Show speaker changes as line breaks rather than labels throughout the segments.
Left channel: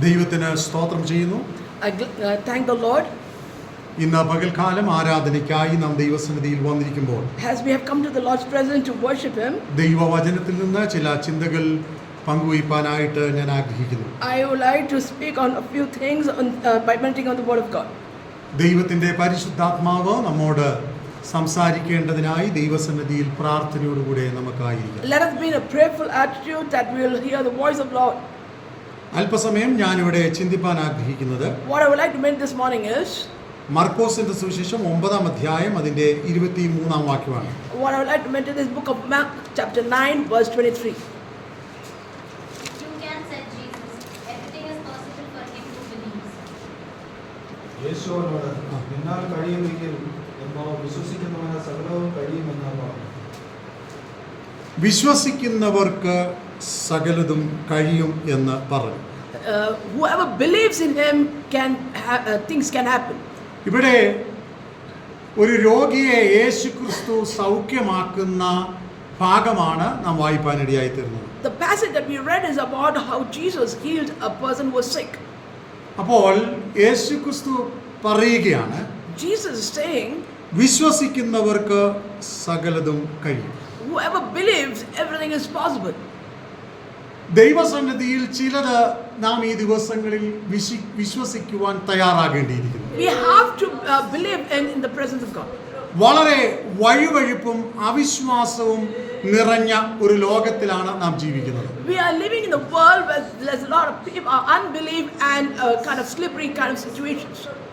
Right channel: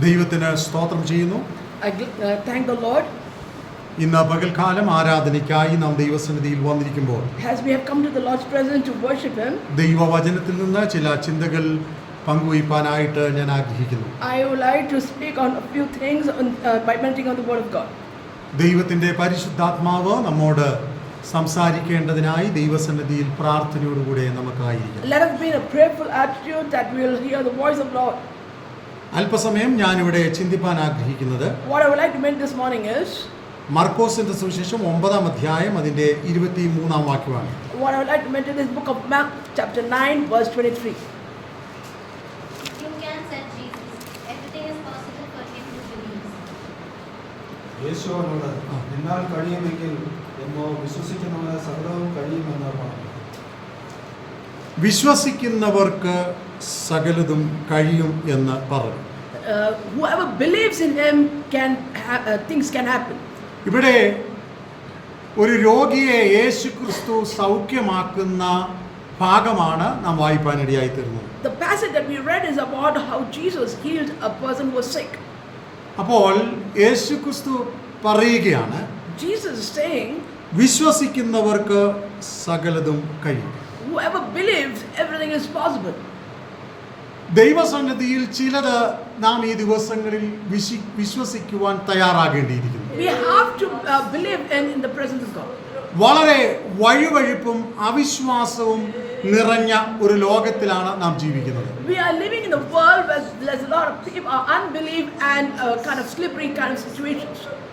ദൈവത്തിന് സ്തോത്രം ചെയ്യുന്നു
താങ്ക് gl- ലോർഡ്
ഇന്ന് പകൽക്കാലം ആരാധനയ്ക്കായി നാം ദൈവസന്നിധിയിൽ വന്നിരിക്കുമ്പോൾ
as we have come to the Lord's presence to worship Him.
ദൈവവചനത്തിൽ നിന്ന് ചില ചിന്തകൾ പങ്കുവയ്പ്പാനായിട്ട് ഞാൻ ആഗ്രഹിക്കുന്നു
I would like to speak on a few things on, uh, by meditating on the Word of God.
ദൈവത്തിന്റെ പരിശുദ്ധാത്മാവ് നമ്മോട് സംസാരിക്കേണ്ടതിനായി ദൈവസന്നിധിയിൽ പ്രാർത്ഥനയോടുകൂടെ നമുക്കായിരിക്കാം
Let us be in a prayerful attitude that we will hear the voice of Lord.
അല്പസമയം ഞാനിവിടെ ചിന്തിപ്പാൻ ആഗ്രഹിക്കുന്നത്
What I would like to make this morning is
മർക്കോസിന്റെ സുവിശേഷം ഒമ്പതാം അധ്യായം അതിന്റെ ഇരുപത്തി മൂന്നാം വാക്യമാണ്
what I would like to meditate is book of Mark, chapter 9, verse 23.
You can, said Jesus. Everything is possible for him who believes.
യേശു അവനോട് എന്നാൽ കഴിയുമെങ്കിൽ എന്നോ വിശ്വസിക്കുന്നവന് സകലവും കഴിയുമെന്ന് പറഞ്ഞു
വിശ്വസിക്കുന്നവർക്ക് സകലതും കഴിയും എന്ന് പറഞ്ഞു
Uh, whoever believes in Him can ha- uh, things can happen.
ഇവിടെ ഒരു രോഗിയെ യേശു ക്രിസ്തു സൗഖ്യമാക്കുന്ന ഭാഗമാണ് നാം വായിപ്പാനിടയായി തീർന്നത്
The passage that we read is about how Jesus healed a person who was sick.
അപ്പോൾ യേശു ക്രിസ്തു പറയുകയാണ്
Jesus is saying,
വിശ്വസിക്കുന്നവർക്ക് സകലതും കഴിയും
whoever believes, everything is possible.
ദൈവസന്നിധിയിൽ ചിലത് നാം ഈ ദിവസങ്ങളിൽ വിശ്വസിക്കുവാൻ തയ്യാറാകേണ്ടിയിരിക്കുന്നു. വളരെ വഴിവഴിപ്പും അവിശ്വാസവും നിറഞ്ഞ ഒരു ലോകത്തിലാണ് നാം ജീവിക്കുന്നത്.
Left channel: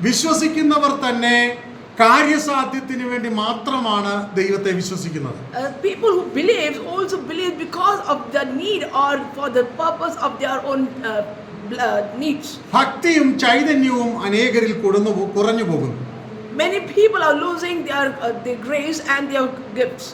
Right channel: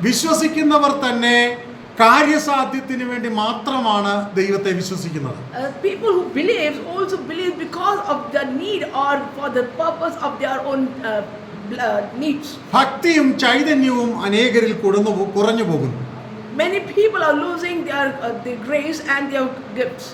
വിശ്വസിക്കുന്നവർ തന്നെ കാര്യസാധ്യത്തിന് വേണ്ടി മാത്രമാണ് ദൈവത്തെ വിശ്വസിക്കുന്നത്
Uh, people who believe also believe because of the need or for the purpose of their own uh, uh, needs.
ഭക്തിയും ചൈതന്യവും അനേകരിൽ കുറഞ്ഞു പോകുന്നു
Many people are losing their, uh, their grace and their gifts.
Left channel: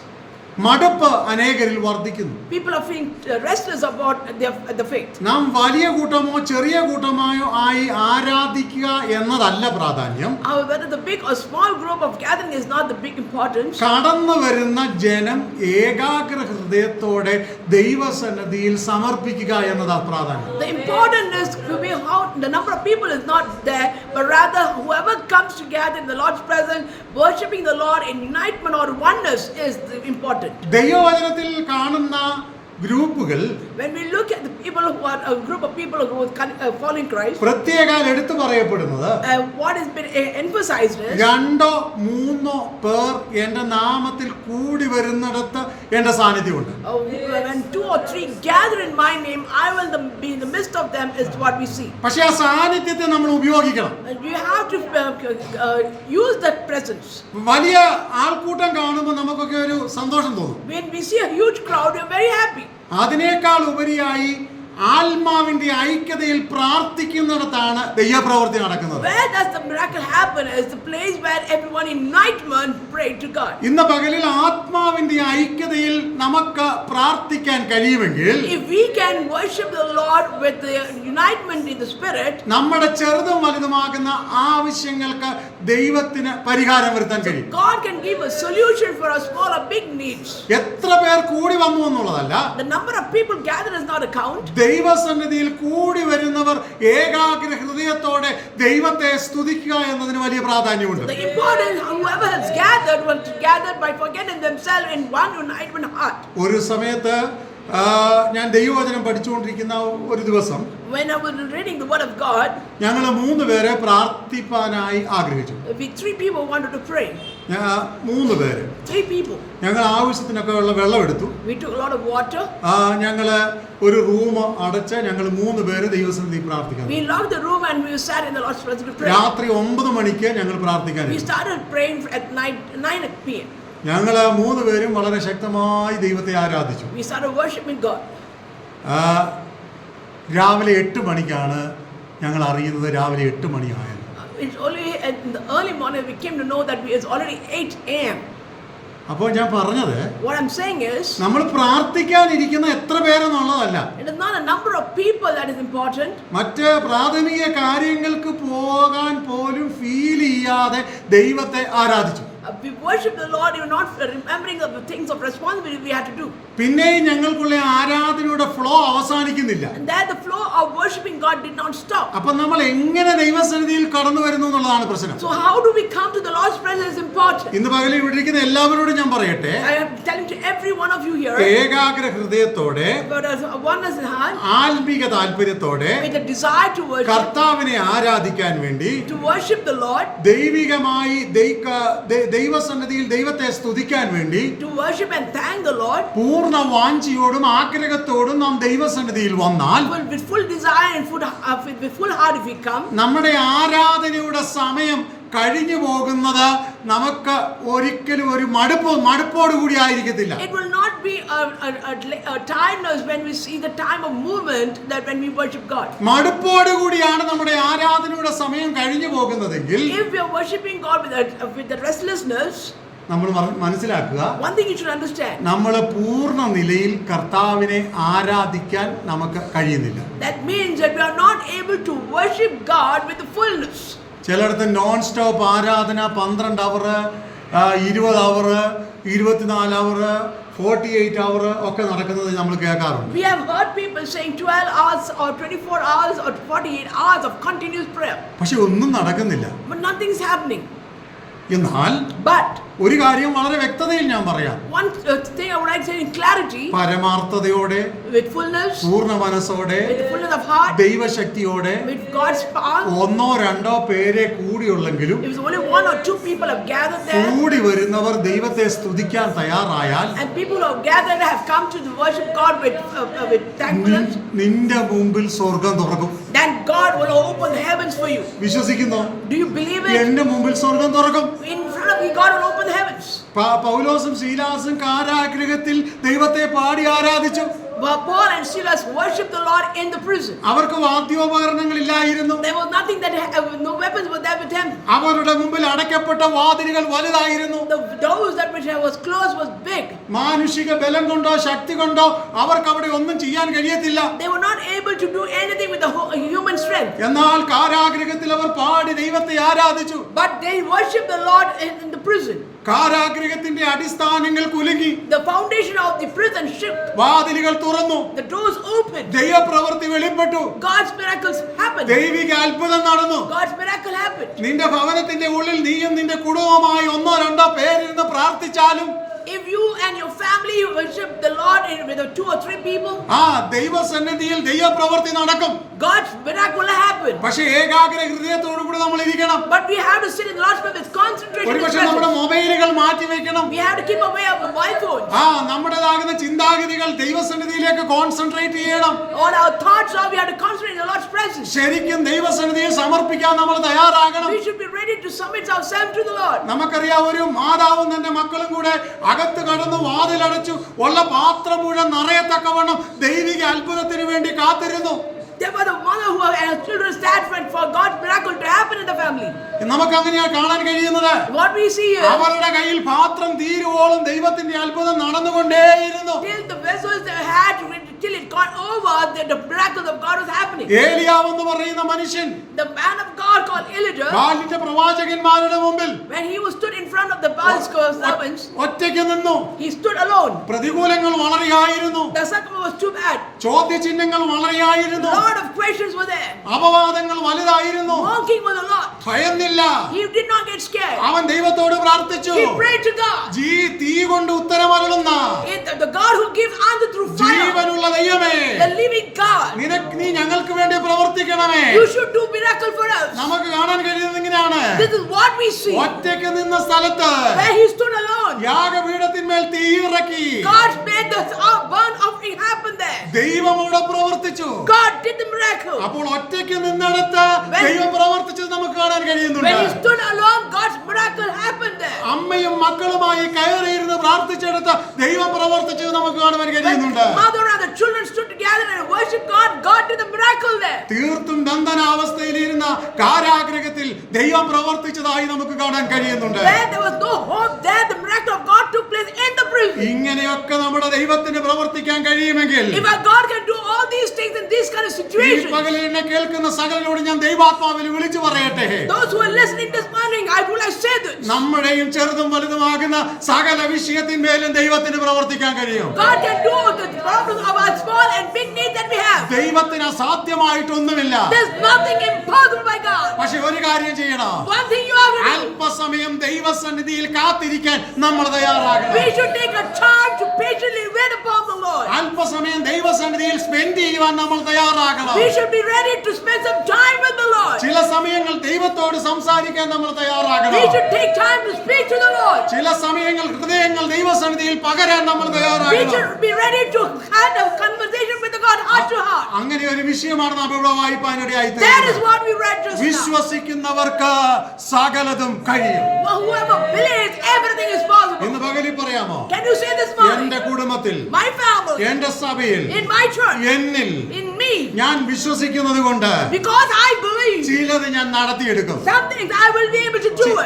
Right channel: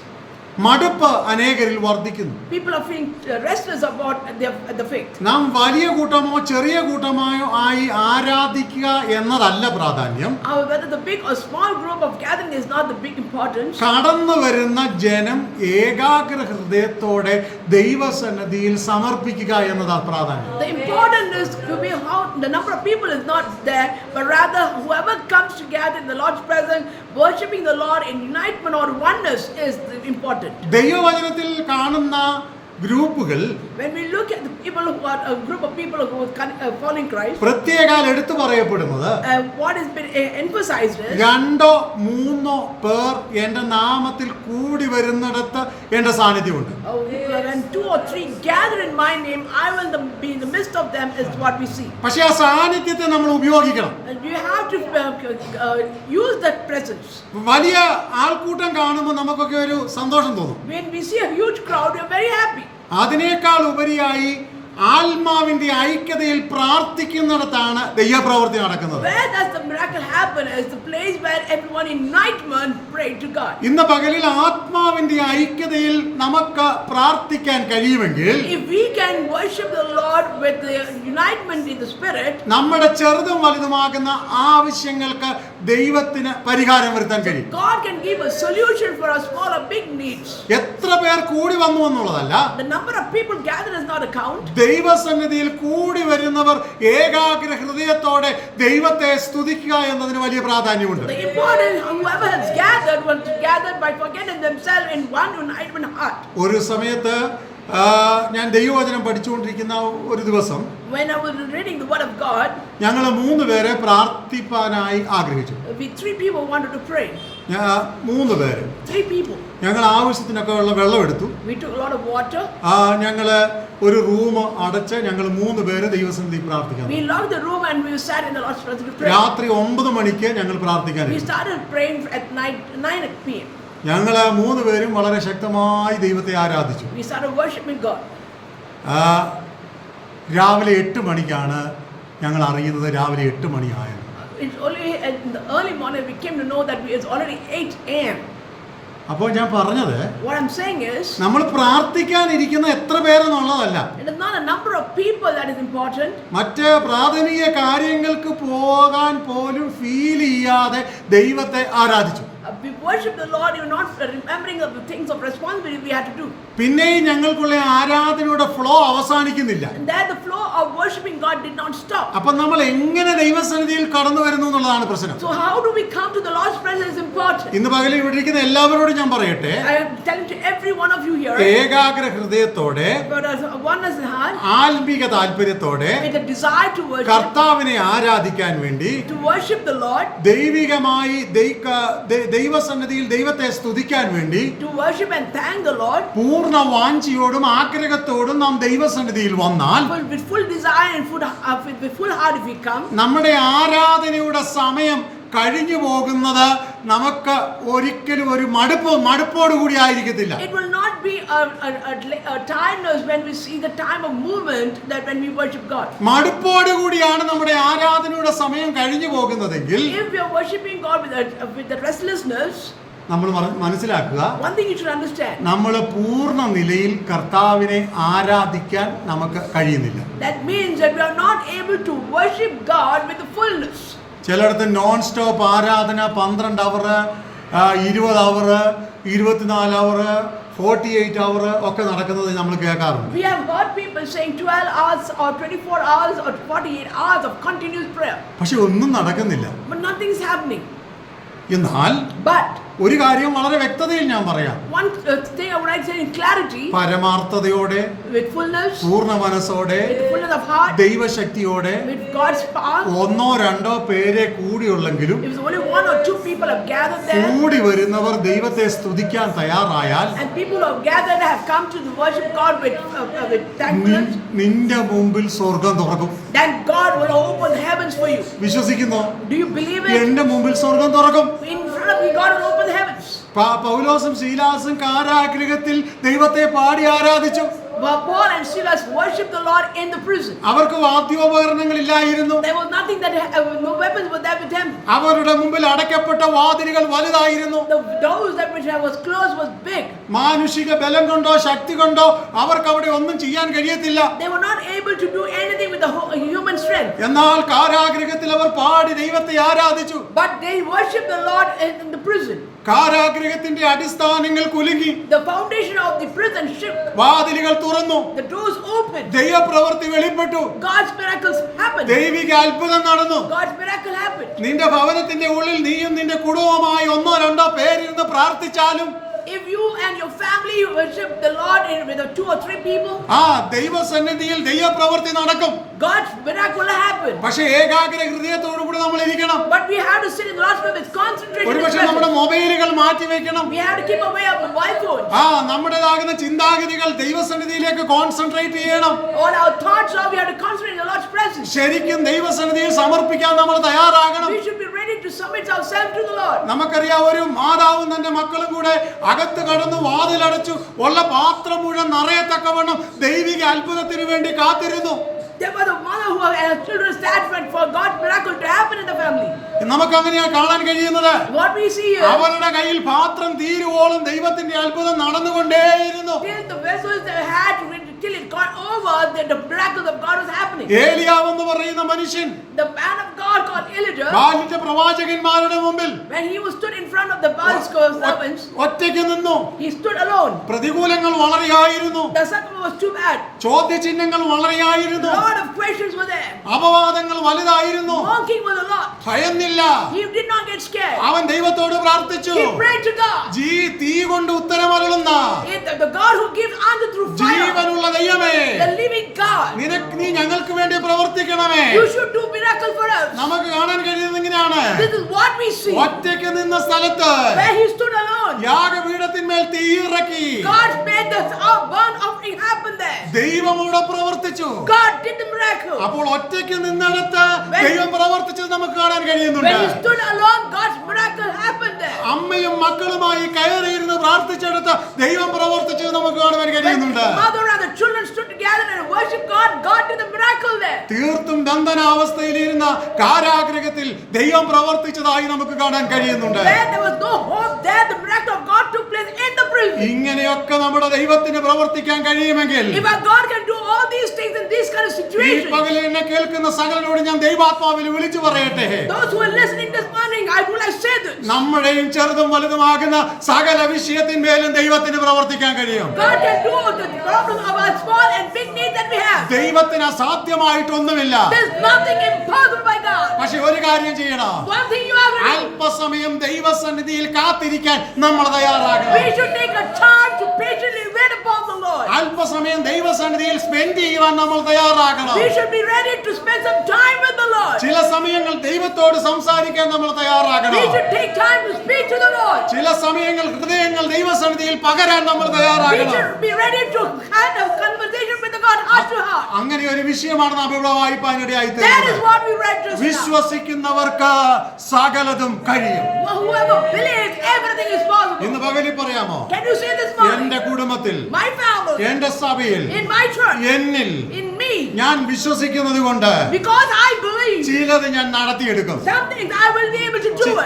മടുപ്പ് അനേകരിൽ വർദ്ധിക്കുന്നു
People are feeling uh, restless about their the faith.
നാം വലിയ കൂട്ടമോ ചെറിയ കൂട്ടമായോ ആയി ആരാധിക്കുക എന്നതല്ല പ്രാധാന്യം
However, whether the big or small group of gathering is not the big importance.
കടന്നു വരുന്ന ജനം ഏകാഗ്ര ഹൃദയത്തോടെ ദൈവസന്നിധിയിൽ സമർപ്പിക്കുക എന്നതാണ് പ്രാധാന്യം
The important is to be how the number of people is not there, but rather whoever comes together in the Lord's presence, worshiping the Lord in enlightenment or oneness is the important.
ദൈവവചനത്തിൽ കാണുന്ന ഗ്രൂപ്പുകൾ
When we look at the people who are a group of people who are con- uh, following Christ,
പ്രത്യേകാൽ എടുത്തു പറയപ്പെടുന്നത്
uh, what has been uh, emphasized is
രണ്ടോ മൂന്നോ പേർ എന്റെ നാമത്തിൽ കൂടി വരുന്നിടത്ത് എന്റെ സാന്നിധ്യമുണ്ട്
uh, when two or three gather in my name, I will the- be in the midst of them, is what we see.
പക്ഷേ ആ സാന്നിധ്യത്തെ നമ്മൾ ഉപയോഗിക്കണം
And you have to uh, uh, use that presence.
വലിയ ആൾക്കൂട്ടം കാണുമ്പോൾ നമുക്കൊക്കെ ഒരു സന്തോഷം തോന്നും
When we see a huge crowd, we're very happy.
അതിനേക്കാൾ ഉപരിയായി ആത്മാവിന്റെ ഐക്യതയിൽ പ്രാർത്ഥിക്കുന്നിടത്താണ് ദൈവപ്രവൃത്തി നടക്കുന്നത്. ഇന്ന് പകലിൽ ആത്മാവിന്റെ ഐക്യതയിൽ നമുക്ക് പ്രാർത്ഥിക്കാൻ കഴിയുമെങ്കിൽ നമ്മുടെ ചെറുതും വലുതുമാകുന്ന ആവശ്യങ്ങൾക്ക് ദൈവത്തിന് പരിഹാരം വരുത്താൻ കഴിയും. എത്ര പേർ കൂടി വന്നു എന്നുള്ളതല്ല ദൈവസന്നിധിയിൽ കൂടി വരുന്നവർ ഏകാഗ്ര ഹൃദയത്തോടെ ദൈവത്തെ സ്തുതിക്കുക എന്നതിന് വലിയ പ്രാധാന്യമുണ്ട്. ഒരു സമയത്ത് ഞാൻ ദൈവവചനം പഠിച്ചുകൊണ്ടിരിക്കുന്ന ഒരു ദിവസം
When I was reading the Word of God,
ഞങ്ങൾ മൂന്ന് പേരെ പ്രാർത്ഥിപ്പാനായി ആഗ്രഹിച്ചു
we three people wanted to pray.
മൂന്ന് പേര്
Three people.
ഞങ്ങൾ ആവശ്യത്തിനൊക്കെ ഉള്ള വെള്ളം എടുത്തു
We took a lot of water.
ആ, ഞങ്ങൾ ഒരു റൂം അടച്ച് ഞങ്ങൾ മൂന്ന് പേര് ദൈവസന്നിധി പ്രാർത്ഥിക്കാൻ
We locked the room and we sat in the Lord's presence to pray.
രാത്രി ഒമ്പത് മണിക്ക് ഞങ്ങൾ പ്രാർത്ഥിക്കാൻ
We started praying at night, 9 p.m.
ഞങ്ങൾ മൂന്ന് പേരും വളരെ ശക്തമായി ദൈവത്തെ ആരാധിച്ചു. രാവിലെ എട്ട് മണിക്കാണ് ഞങ്ങൾ അറിയുന്നത് രാവിലെ എട്ട് മണിയായത്.
It's only in the early morning we came to know that it's already 8 a.m.
അപ്പോൾ ഞാൻ പറഞ്ഞത്
What I'm saying is,
നമ്മൾ പ്രാർത്ഥിക്കാനിരിക്കുന്ന എത്ര പേരെന്നുള്ളതല്ല.
not a number of people that is important.
മറ്റ് പ്രാഥമിക കാര്യങ്ങൾക്ക് പോകാൻ പോലും ഫീൽ ചെയ്യാതെ ദൈവത്തെ ആരാധിച്ചു.
Uh, Uh, we worship the Lord, you not remembering of the things of responsibility we have to do.
പിന്നെയും ഞങ്ങൾക്കുള്ള ആരാധനയുടെ ഫ്ലോ അവസാനിക്കുന്നില്ല
that the flow of worshiping God did not stop.
അപ്പൊ നമ്മൾ എങ്ങനെ ദൈവസന്നിധിയിൽ കടന്നു വരുന്നു എന്നുള്ളതാണ് പ്രശ്നം
So how do we come to the Lord's presence is important.
ഇന്ന് പകൽ ഇവിടെ ഇരിക്കുന്ന എല്ലാവരോടും ഞാൻ പറയട്ടെ
I am telling to every one of you here,
ഏകാഗ്ര ഹൃദയത്തോടെ ആത്മീക താല്പര്യത്തോടെ
with a desire to worship,
കർത്താവിനെ ആരാധിക്കാൻ വേണ്ടി
to worship the Lord,
ദൈവികമായി deika ദൈ- ദൈവസന്നിധിയിൽ ദൈവത്തെ സ്തുതിക്കാൻ വേണ്ടി
to worship and thank the Lord,
പൂർണ വാഞ്ചിയോടും ആഗ്രഹത്തോടും നാം ദൈവസന്നിധിയിൽ വന്നാൽ
with full desire and full, uh, with full heart if we come,
നമ്മുടെ ആരാധനയുടെ സമയം കഴിഞ്ഞു പോകുന്നത് നമുക്ക് ഒരിക്കലും ഒരു മടുപ്പ് മടുപ്പോട് കൂടി ആയിരിക്കത്തില്ല. മടുപ്പോട് കൂടിയാണ് നമ്മുടെ ആരാധനയുടെ സമയം കഴിഞ്ഞു പോകുന്നതെങ്കിൽ നമ്മൾ മനസ്സിലാക്കുക. നമ്മൾ പൂർണ നിലയിൽ കർത്താവിനെ ആരാധിക്കാൻ നമുക്ക് കഴിയുന്നില്ല. ചിലയിടത്ത് നോൺ സ്റ്റോപ്പ് ആരാധന പന്ത്രണ്ട് അവർ ഇരുപത് അവർ ഇരുപത്തിനാല് അവർ ഫോർട്ടി എയ്റ്റ് അവർ ഒക്കെ നടക്കുന്നത് നമ്മൾ കേൾക്കാറുണ്ട്
We have heard people saying 12 hours or 24 hours or 48 hours of continuous prayer,
പക്ഷെ ഒന്നും നടക്കുന്നില്ല
but nothing is happening.
എന്നാൽ
But
ഒരു കാര്യം വളരെ വ്യക്തതയിൽ ഞാൻ പറയാം. പരമാർത്ഥതയോടെ പൂർണ മനസ്സോടെ ദൈവശക്തിയോടെ ഒന്നോ രണ്ടോ പേരെ കൂടിയുള്ളെങ്കിലും കൂടി വരുന്നവർ ദൈവത്തെ സ്തുതിക്കാൻ തയ്യാറായാൽ നിന്റെ മുമ്പിൽ സ്വർഗം തുറക്കും. വിശ്വസിക്കുന്നു? എന്റെ മുമ്പിൽ സ്വർഗം തുറക്കും.
God open the heavens.
പ- പൗലോസും ശീലാസും കാരാഗ്രഹത്തിൽ ദൈവത്തെ പാടി ആരാധിച്ചു
But Paul and Silas worshiped the Lord in the prison.
അവർക്ക് വാദ്യോപകരണങ്ങൾ ഇല്ലായിരുന്നു.
There was nothing that uh, no weapons were there with them.
അവരുടെ മുമ്പിൽ അടയ്ക്കപ്പെട്ട വാതിലുകൾ വലുതായിരുന്നു
The doors that which was closed was big.
മാനുഷിക ബലം കൊണ്ടോ ശക്തി കൊണ്ടോ അവർക്ക് അവിടെ ഒന്നും ചെയ്യാൻ കഴിയത്തില്ല
They were not able to do anything with the human
എന്നാൽ കാരാഗ്രഹത്തിൽ അവർ പാടി ദൈവത്തെ ആരാധിച്ചു
But they worshiped the Lord in, in the prison.
കാരാഗ്രഹത്തിന്റെ അടിസ്ഥാനങ്ങൾ കുലുങ്ങി
The foundation of the prison shift.
വാതിലുകൾ തുറന്നു
The doors opened.
ദൈവപ്രവൃത്തി വെളിപ്പെട്ടു
God's miracles happened.
ദൈവിക അത്ഭുതം നടന്നു
God's miracle happened.
നിന്റെ ഭവനത്തിന്റെ ഉള്ളിൽ നീയും നിന്റെ കുടുംബമായി ഒന്നോ രണ്ടോ പേരിരുന്ന് പ്രാർത്ഥിച്ചാലും
If you and your family worship the Lord with two or three people,
ആ ദൈവസന്നിധിയിൽ ദൈവപ്രവൃത്തി നടക്കും
God's miracle will happen.
പക്ഷേ ഏകാഗ്ര ഹൃദയത്തോടു കൂടി നമ്മൾ ഇരിക്കണം
But we have to sit in Lord's with concentration.
ഒരുപക്ഷെ നമ്മുടെ. മൊബൈലുകൾ മാറ്റി വെക്കണം
We have to keep away our mobile phones.
ആ നമ്മുടേതാകുന്ന ചിന്താഗതികൾ ദൈവസന്നിധിയിലേക്ക് കോൺസെൻട്രേറ്റ് ചെയ്യണം
All our thoughts are we have to concentrate in the Lord's presence.
ശരിക്കും ദൈവസന്നിധിയിൽ സമർപ്പിക്കാൻ നമ്മൾ തയ്യാറാകണം
We should be ready to submit ourselves to the Lord.
നമുക്കറിയാം ഒരു മാതാവും തന്റെ മക്കളും കൂടെ അകത്ത് കടന്ന് വാതിലടച്ചു. ഉള്ള പാത്രം മുഴുവൻ നിറയത്തക്കവണ്ണം ദൈവിക അത്ഭുതത്തിന് വേണ്ടി കാത്തിരുന്നു.
Family.
നമുക്ക് അങ്ങനെയാണ് കാണാൻ കഴിയുന്നത്?
What we see here,
അവരുടെ കയ്യിൽ പാത്രം തീരുവോളം ദൈവത്തിന്റെ അത്ഭുതം നടന്നുകൊണ്ടേയിരുന്നു.
Till it got over, that the miracles of God was happening.
ഏലിയാവെന്ന് പറയുന്ന മനുഷ്യൻ
The man of God called Elijah,
ബാലിന്റെ പ്രവാചകന്മാരുടെ മുമ്പിൽ
when he was stood in front of the Baal's servants,
ഒറ്റയ്ക്ക് നിന്നു
he stood alone.
പ്രതികൂലങ്ങൾ വളരെയായിരുന്നു
The circumstance was too bad.
ചോദ്യചിഹ്നങ്ങൾ വളരെയായിരുന്നു
lot of questions were there.
അപവാദങ്ങൾ വലുതായിരുന്നു
Mocking was a lot.
ഭയന്നില്ല
He did not get scared.
അവൻ ദൈവത്തോട് പ്രാർത്ഥിച്ചു
He prayed to God.
ജീ തീ കൊണ്ട് ഉത്തരമരുളുന്ന
It- the God who gives answer through fire,
ജീവനുള്ള ദൈവമേ. നിനക്ക് നീ ഞങ്ങൾക്ക് വേണ്ടി പ്രവർത്തിക്കണമേ. നമുക്ക് കാണാൻ കഴിയുന്നത് ഇങ്ങനെയാണ്. ഒറ്റയ്ക്ക് നിന്ന സ്ഥലത്ത്. യാഗപീഠത്തിന്മേൽ തീ ഇറക്കി
God made the burn offering happen there.
ദൈവം ഇവിടെ പ്രവർത്തിച്ചു അപ്പോൾ ഒറ്റയ്ക്ക് നിന്നിടത്ത് ദൈവം പ്രവർത്തിച്ചത് നമുക്ക് കാണാൻ കഴിയുന്നുണ്ട്. അമ്മയും മക്കളുമായി കയറിയിരുന്ന് പ്രാർത്ഥിച്ചെടുത്ത് ദൈവം പ്രവർത്തിച്ചത് നമുക്ക് കാണുവാൻ കഴിയുന്നുണ്ട്. തീർത്തും ദന്തന അവസ്ഥയിലിരുന്ന കാരാഗ്രഹത്തിൽ ദൈവം പ്രവർത്തിച്ചതായി നമുക്ക് കാണാൻ കഴിയുന്നുണ്ട്. ഇങ്ങനെയൊക്കെ നമ്മുടെ ദൈവത്തിന് പ്രവർത്തിക്കാൻ കഴിയുമെങ്കിൽ
things in these kind of
ഈ
situations,
പകലിൽ എന്നെ കേൾക്കുന്ന സകലരോട് ഞാൻ ദൈവാത്മാവിൽ വിളിച്ചു പറയട്ടെ
those who are listening this morning, I would have said say this.
നമ്മുടെയും ചെറുതും വലുതുമാകുന്ന സകല വിഷയത്തിന്മേലും ദൈവത്തിന് പ്രവർത്തിക്കാൻ കഴിയും
God can do the problems of our small and big needs that we have.
ദൈവത്തിന് അസാധ്യമായിട്ടൊന്നുമില്ല
There's nothing impossible by God.
പക്ഷേ ഒരു കാര്യം ചെയ്യണം
One thing you have
അല്പസമയം ദൈവസന്നിധിയിൽ കാത്തിരിക്കാൻ നമ്മൾ തയ്യാറാകണം
we should take a time to patiently wait upon the Lord.
അല്പസമയം ദൈവസന്നിധിയിൽ സ്പെൻഡ് ചെയ്യുവാൻ നമ്മൾ തയ്യാറാകണം
We should be ready to spend some time with the Lord.
ചില സമയങ്ങൾ ദൈവത്തോട് സംസാരിക്കാൻ നമ്മൾ തയ്യാറാകണം
We should take time to speak to the Lord.
ചില സമയങ്ങൾ ഹൃദയങ്ങൾ ദൈവസന്നിധിയിൽ പകരാൻ നമ്മൾ തയ്യാറാകണം.
We should be ready to have a conversation with the God.
അങ്ങനെ ഒരു വിഷയമാണ് നാം ഇവിടെ വായിപ്പാനിടയായി വിശ്വസിക്കുന്നവർക്ക് സകലതും കഴിയും. ഇന്ന് പകലി പറയാമോ? എന്റെ കുടുംബത്തിൽ എന്റെ സഭയിൽ എന്നിൽ ഞാൻ വിശ്വസിക്കുന്നത് കൊണ്ട്
because I believe
ചിലത് ഞാൻ നടത്തിയെടുക്കും.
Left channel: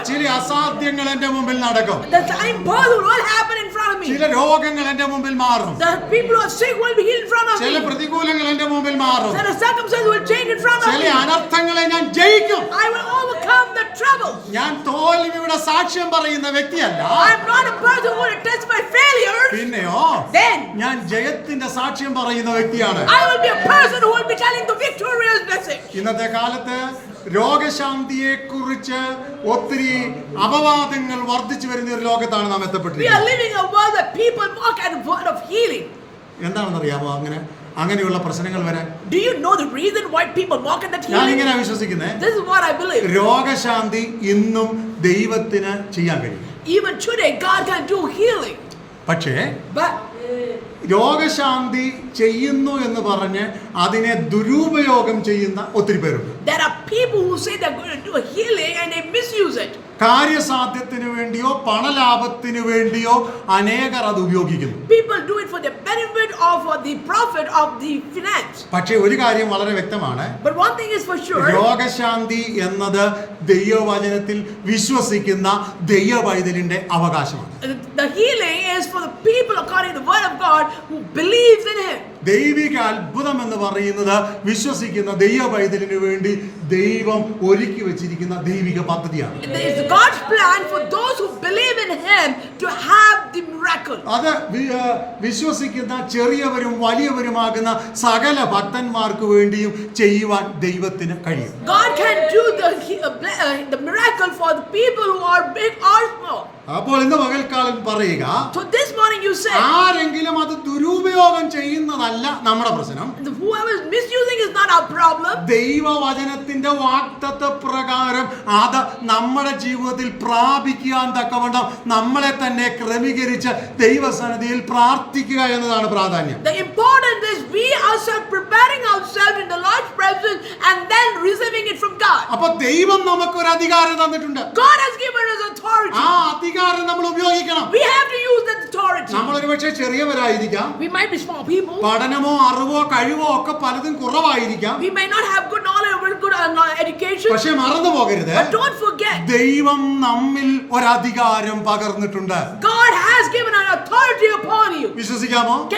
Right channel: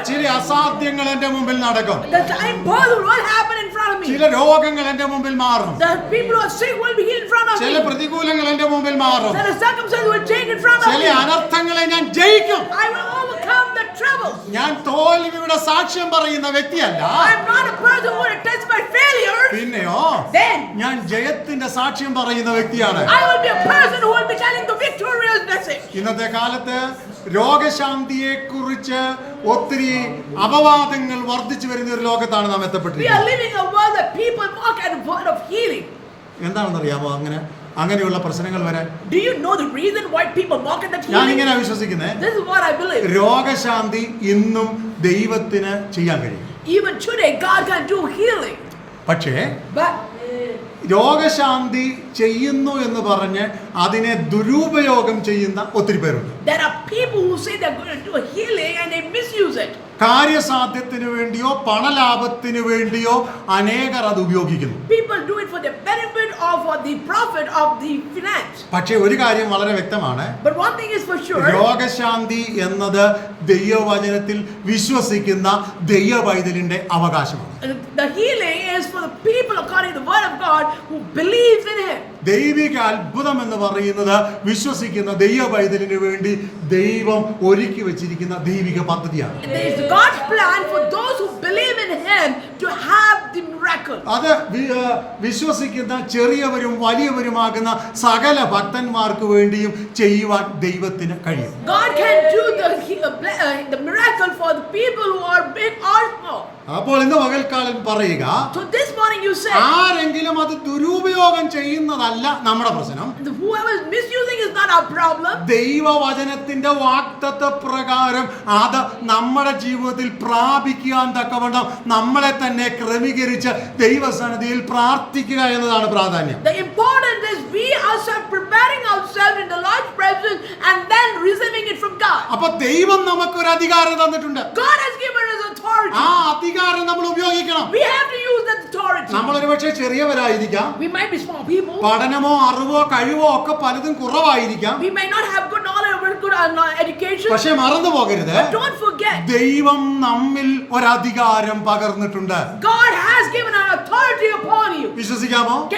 ചില അസാധ്യങ്ങൾ എന്റെ മുമ്പിൽ നടക്കും. ചില രോഗങ്ങൾ എന്റെ മുമ്പിൽ മാറും ചില. പ്രതികൂലങ്ങൾ എന്റെ മുമ്പിൽ മാറും ചില അനർത്ഥങ്ങളെ ഞാൻ ജയിക്കും
overcome the trouble.
ഞാൻ തോൽവിയുടെ സാക്ഷ്യം പറയുന്ന വ്യക്തിയല്ല
I'm not a person who will test my failure.
പിന്നെയോ
Then
ഞാൻ ജയത്തിന്റെ സാക്ഷ്യം പറയുന്ന വ്യക്തിയാണ്
I will be a person who will be telling the victorious message.
ഇന്നത്തെ കാലത്ത് രോഗശാന്തിയെ കുറിച്ച് ഒത്തിരി അപവാദങ്ങൾ വർദ്ധിച്ചു വരുന്ന ഒരു ലോകത്താണ് നാം
We are
എത്തപ്പെട്ടിരിക്കുന്നത്
living in a world that people mock at the word of healing.
എന്താണെന്നറിയാമോ അങ്ങനെ അങ്ങനെയുള്ള പ്രശ്നങ്ങൾ വരാൻ
do you know the reason why people mock that
ഞാൻ ഇങ്ങനെ വിശ്വസിക്കുന്നേ.
This is what I believe
രോഗശാന്തി ഇന്നും ദൈവത്തിന് ചെയ്യാൻ കഴിയും.
Even today God can do healing
പക്ഷേ
ബട്ട്
രോഗശാന്തി ചെയ്യുന്നു എന്ന് പറഞ്ഞ് അതിനെ ദുരുപയോഗം ചെയ്യുന്ന ഒത്തിരി പേരുണ്ട്
there are people who say they're going to do a healing and they misuse it.
കാര്യസാധ്യത്തിന് വേണ്ടിയോ പണലാഭത്തിന് വേണ്ടിയോ അനേകർ അത് ഉപയോഗിക്കുന്നു
People do it for the benefit or the profit of the finance.
പക്ഷേ ഒരു കാര്യം വളരെ വ്യക്തമാണ്. രോഗശാന്തി എന്നത് ദൈവവചനത്തിൽ വിശ്വസിക്കുന്ന ദൈവവൈതലിന്റെ അവകാശമാണ്
The healing is for the people according to the word of God who believes in Him.
ദൈവിക അത്ഭുതം എന്ന് പറയുന്നത് വിശ്വസിക്കുന്ന ദൈവവൈതലിന് വേണ്ടി ദൈവം ഒരുക്കി വെച്ചിരിക്കുന്ന ദൈവിക പദ്ധതിയാണ്
It is God's plan for those who believe in Him to have the miracle.
അത് വിശ്വസിക്കുന്ന ചെറിയവരും വലിയവരുമാകുന്ന സകല ഭക്തന്മാർക്ക് വേണ്ടിയും ചെയ്യുവാൻ ദൈവത്തിന് കഴിയും
God can do the, he- ble- the miracle for the people who are big or small.
അപ്പോൾ ഇന്ന് പകൽക്കാലം പറയുക
So this morning you said,
ആരെങ്കിലും അത് ദുരുപയോഗം ചെയ്യുന്നതല്ല നമ്മുടെ പ്രശ്നം
whoever is misusing is not our problem.
ദൈവവചനത്തിന്റെ വാക്തത്വ പ്രകാരം അത് നമ്മുടെ ജീവിതത്തിൽ പ്രാപിക്കാൻ തക്കവണ്ണം നമ്മളെ തന്നെ ക്രമീകരിച്ച് ദൈവസന്നിധിയിൽ പ്രാർത്ഥിക്കുക എന്നതാണ് പ്രാധാന്യം
The important is we ourselves preparing ourselves in the Lord's presence and then receiving it from God.
അപ്പൊ ദൈവം നമുക്കൊരു അധികാരം തന്നിട്ടുണ്ട്
God has given us authority.
ആ അധികാരം നമ്മൾ ഉപയോഗിക്കണം. നമ്മൾ ഒരുപക്ഷെ ചെറിയവരായിരിക്കാം പഠനമോ അറിവോ കഴിവോ ഒക്കെ പലതും കുറവായിരിക്കാം. പക്ഷേ മറന്നു പോകരുത്. ദൈവം നമ്മിൽ ഒരധികാരം പകർന്നിട്ടുണ്ട്. വിശ്വസിക്കാമോ?